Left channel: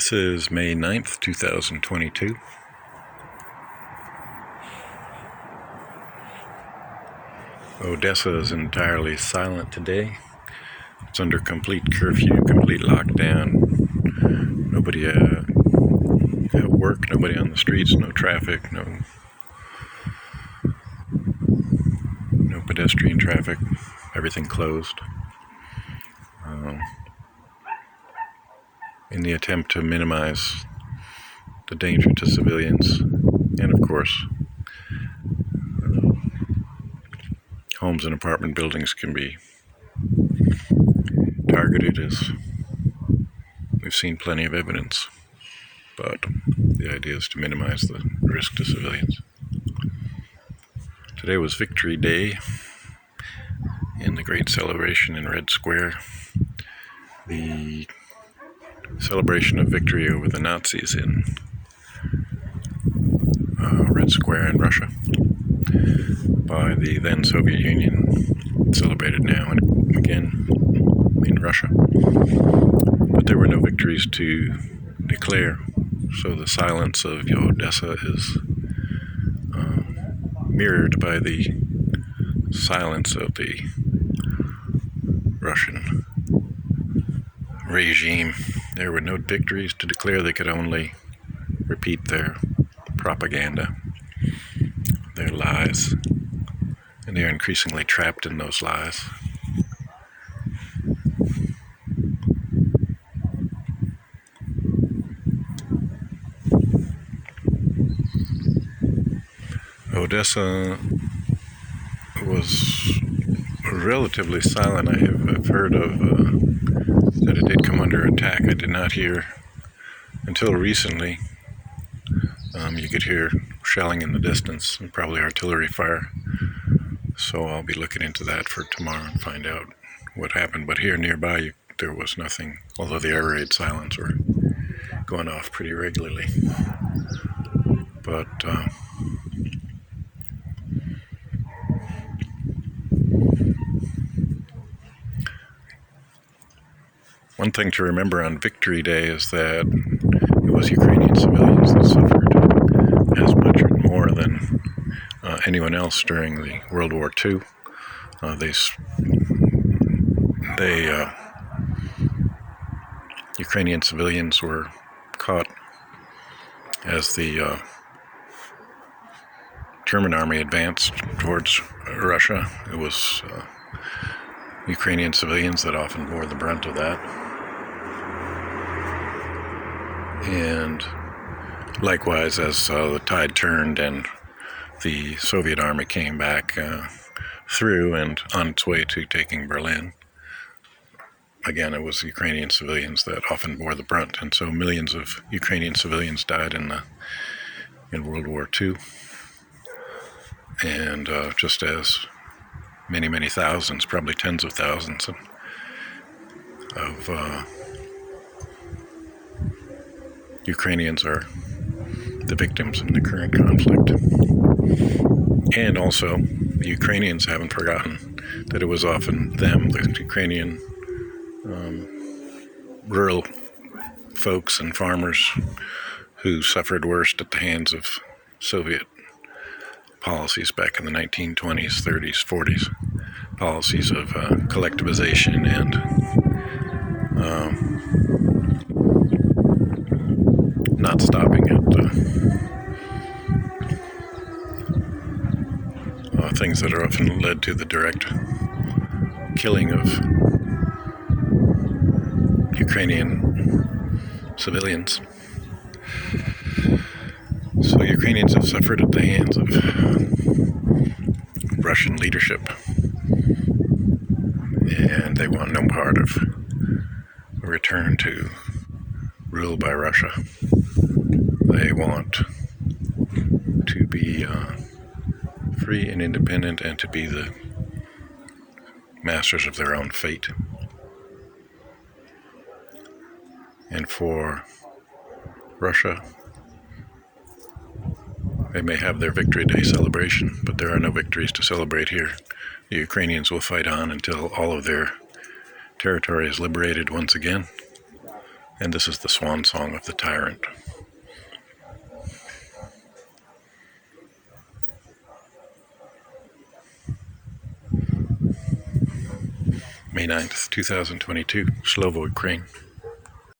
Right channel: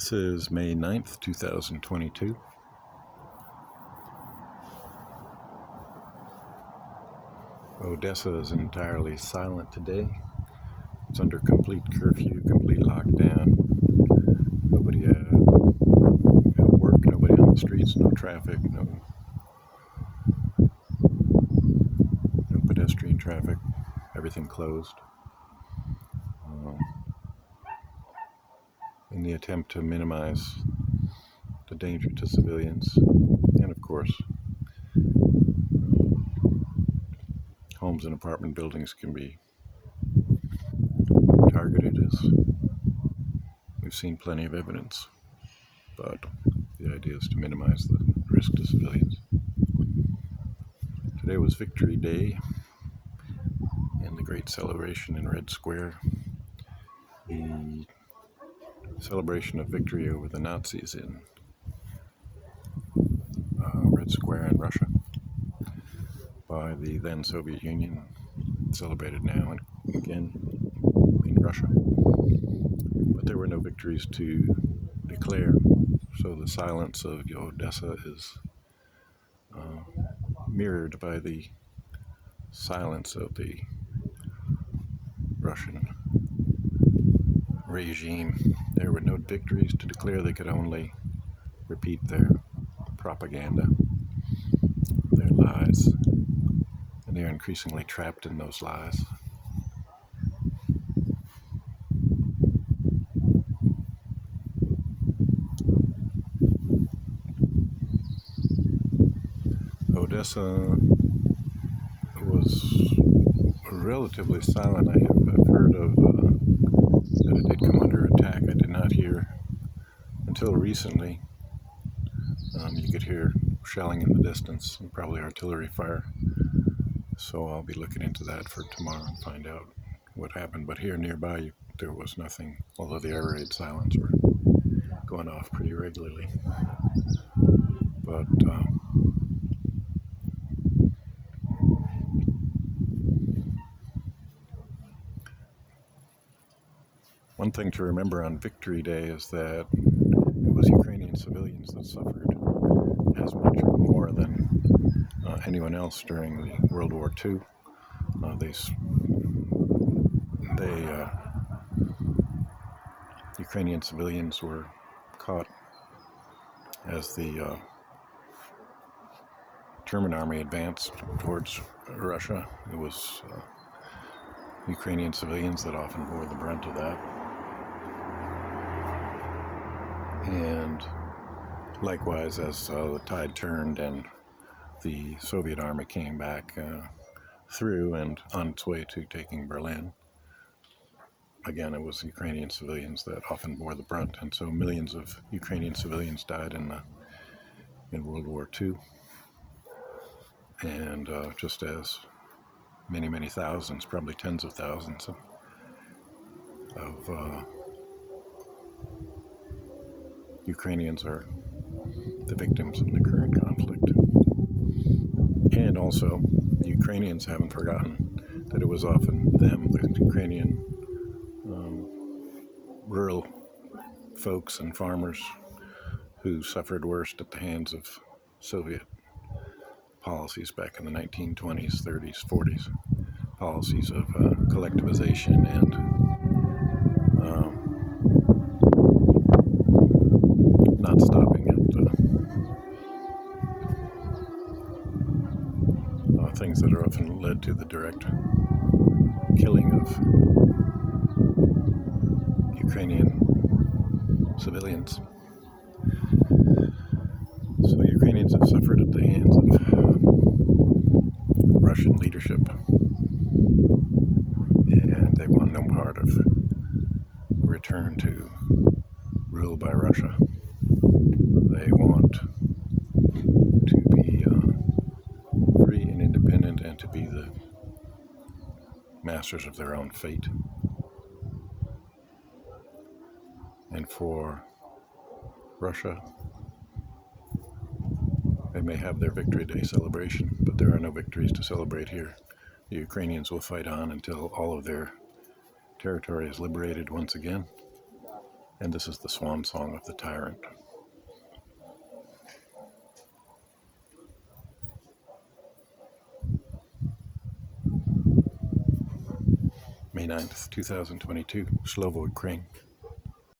This is May 9th, 2022. Odessa is entirely silent today. It's under complete curfew, complete lockdown. Nobody at work, nobody on the streets, no traffic, no pedestrian traffic, everything closed. In the attempt to minimize the danger to civilians, and of course, homes and apartment buildings can be targeted, as we've seen plenty of evidence, but the idea is to minimize the risk to civilians. Today was Victory Day in the great celebration in Red Square, the celebration of victory over the Nazis in Red Square in Russia by the then Soviet Union, celebrated now and again in Russia. But there were no victories to declare, so the silence of Odessa is mirrored by the silence of the Russian regime. There were no victories to declare. They could only repeat their propaganda, their lies, and they are increasingly trapped in those lies. Odessa was relatively silent. I've heard of that it did come under attack. I did not hear until recently. You could hear shelling in the distance and probably artillery fire. So I'll be looking into that for tomorrow and find out what happened. But here nearby, there was nothing, although the air raid silence were going off pretty regularly. But one thing to remember on Victory Day is that it was Ukrainian civilians that suffered as much or more than anyone else during the World War II. Ukrainian civilians were caught as the German army advanced towards Russia. It was Ukrainian civilians that often bore the brunt of that. And likewise, as the tide turned and the Soviet army came back through and on its way to taking Berlin, again, it was Ukrainian civilians that often bore the brunt. And so millions of Ukrainian civilians died in World War II. And just as many, many thousands, probably tens of thousands of Ukrainians are the victims in the current conflict. And also, the Ukrainians haven't forgotten that it was often them, the Ukrainian rural folks and farmers, who suffered worst at the hands of Soviet policies back in the 1920s, 30s, 40s, policies of collectivization and not stopping at things that are often led to the direct killing of Ukrainian civilians. So Ukrainians have suffered at the hands of Russian leadership, and they want no part of a return to rule by Russia. They want to be free and independent and to be the masters of their own fate. And for Russia, they may have their Victory Day celebration, but there are no victories to celebrate here. The Ukrainians will fight on until all of their territory is liberated once again. And this is the Swan song of the Tyrant. May 9th, 2022, Slovo, Ukraine.